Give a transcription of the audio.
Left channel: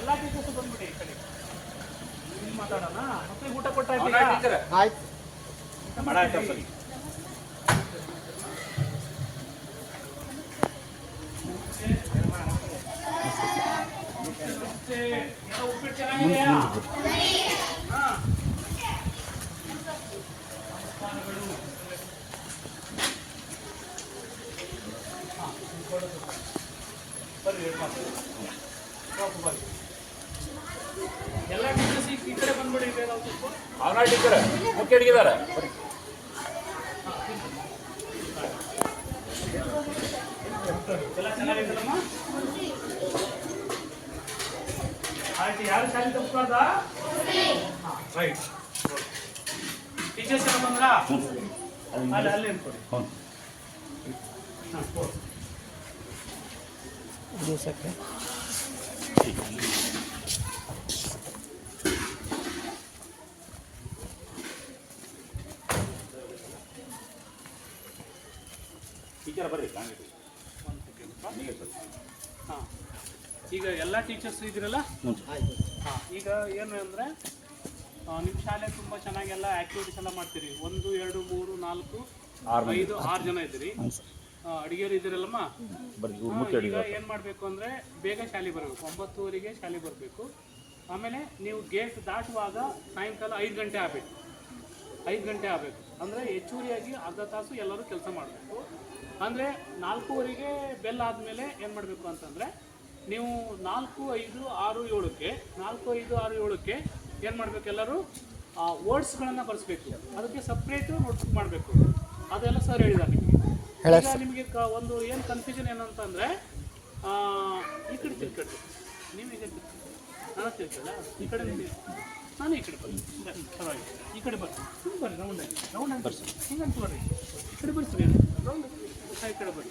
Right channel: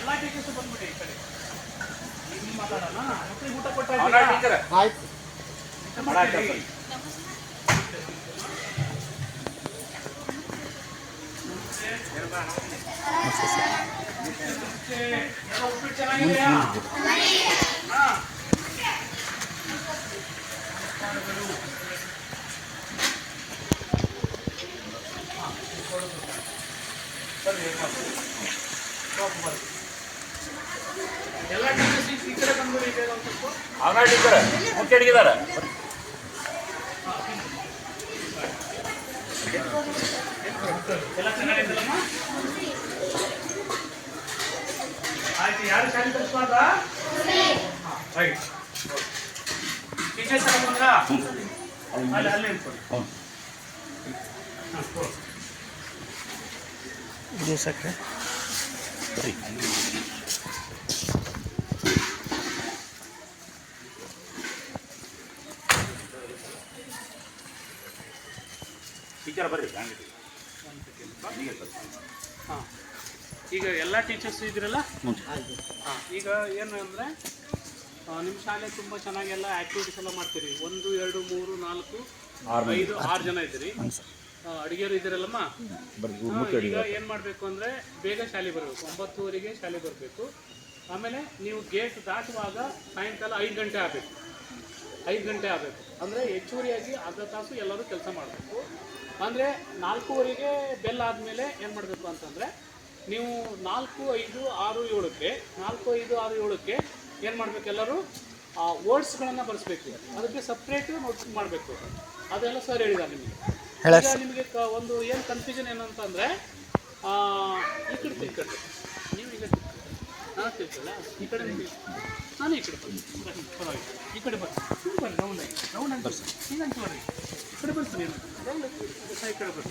ಎಲ್ಲ ಟೀಚರ್ಸ್ ಬಂದ್ಬಿಡಿ ಈ ಕಡೆ. ನೀವು ಮಾತಾಡೋಣ. ಮಕ್ಕಳಿಗೆ ಊಟ ಕೊಟ್ಟಾಯ್ತು. ಆಯ್ತು. ಉಪ್ಪಿಟ್ಟು ಚೆನ್ನಾಗಿದೆಯಾ? ಎಲ್ಲ ಟೀಚರ್ಸ್ ಈ ಕಡೆ ಬಂದ್ಬಿಡಿ ಬೇಗ ಒಂದು ಸ್ವಲ್ಪ. ಅವನ ಟೀಚರ್ ಮುಖ್ಯ ಅಡಿಗೆದಾರ ಎಲ್ಲ ಚೆನ್ನಾಗಿದ್ದಲ್ಲಮ್ಮ? ಆಯ್ತು. ಯಾರು ಶಾಲೆ ತರಿಸ್ಬಾರ್ದ? ರೈಟ್. ಟೀಚರ್ಸ್ ಎಲ್ಲ ಬಂದ್ರ? ಅಲ್ಲಿ ನಿಂತ್ಕೊಳ್ಳಿ. ದಿವಸಕ್ಕೆ ಟೀಚರ್ ಬರ್ರಿ. ಹಾಂ, ಈಗ ಎಲ್ಲ ಟೀಚರ್ಸ್ ಇದ್ರಲ್ಲ? ಹಾಂ, ಈಗ ಏನು ಅಂದರೆ ನಿಮ್ಮ ಶಾಲೆ ತುಂಬ ಚೆನ್ನಾಗೆಲ್ಲ ಆ್ಯಕ್ಟಿವಿಟೀಸ್ ಎಲ್ಲ ಮಾಡ್ತೀರಿ. 1 2 3 4 5 6 ಜನ ಇದ್ದೀರಿ. ಅಡುಗೆಯವರು ಇದ್ದೀರಲ್ಲಮ್ಮ? ಈಗ ಏನು ಮಾಡಬೇಕು ಅಂದರೆ ಬೇಗ ಶಾಲೆ ಬರಬೇಕು. 9:30ಗೆ ಶಾಲೆ ಬರಬೇಕು. ಆಮೇಲೆ ನೀವು ಗೇಟ್ ದಾಟುವಾಗ ಸಾಯಂಕಾಲ 5 ಗಂಟೆ ಆಗಬೇಕು. 5 ಗಂಟೆ ಆಗಬೇಕು ಅಂದರೆ ಹೆಚ್ಚುವರಿಯಾಗಿ ಅರ್ಧ ತಾಸು ಎಲ್ಲರೂ ಕೆಲಸ ಮಾಡಬೇಕು. ಅಂದರೆ 4:15ಗೆ ಬೆಲ್ ಆದಮೇಲೆ ಏನು ಮಾಡಬೇಕು ಅಂತಂದರೆ ನೀವು 4 5 6 7ಕ್ಕೆ 4 5 6 7ಕ್ಕೆ ಏನು ಮಾಡಬೇಕು, ಎಲ್ಲರೂ ವರ್ಡ್ಸ್ಗಳನ್ನು ಬರೆಸ್ಬೇಕು. ಅದಕ್ಕೆ ಸಪ್ರೇಟ್ ನೋಟ್ಸ್ ಮಾಡಬೇಕು. ಅದೆಲ್ಲ ಸರ್ ಹೇಳಿದ್ದಾರೆ ನಿಮಗೆ. ಈಗ ನಿಮಗೆ ಒಂದು ಏನು ಕನ್ಫ್ಯೂಷನ್ ಏನಂತಂದರೆ ಈ ಕಡೆ ತಿಳ್ಕೊಳ್ರಿ. ನೀವು ಈಗ ನಾನು ತಿಳ್ಕೊಳ್ಳ ಈ ಕಡೆ ನಾನು ಈ ಕಡೆ ಬರ್ತೀನಿ. ಪರವಾಗಿಲ್ಲ, ಈ ಕಡೆ ಬರ್ತೀನಿ. ಬರ್ರಿ ರೌಂಡಾಗಿ ರೌಂಡ್ ಅಂತ ಬರ್ಸಿ. ಹಿಂಗಂತ ಬರ್ರಿ. ಈ ಕಡೆ ಬರ್ತೀನಿ. ರೌಂಡ್ ಈ ಕಡೆ ಬರ್ರಿ.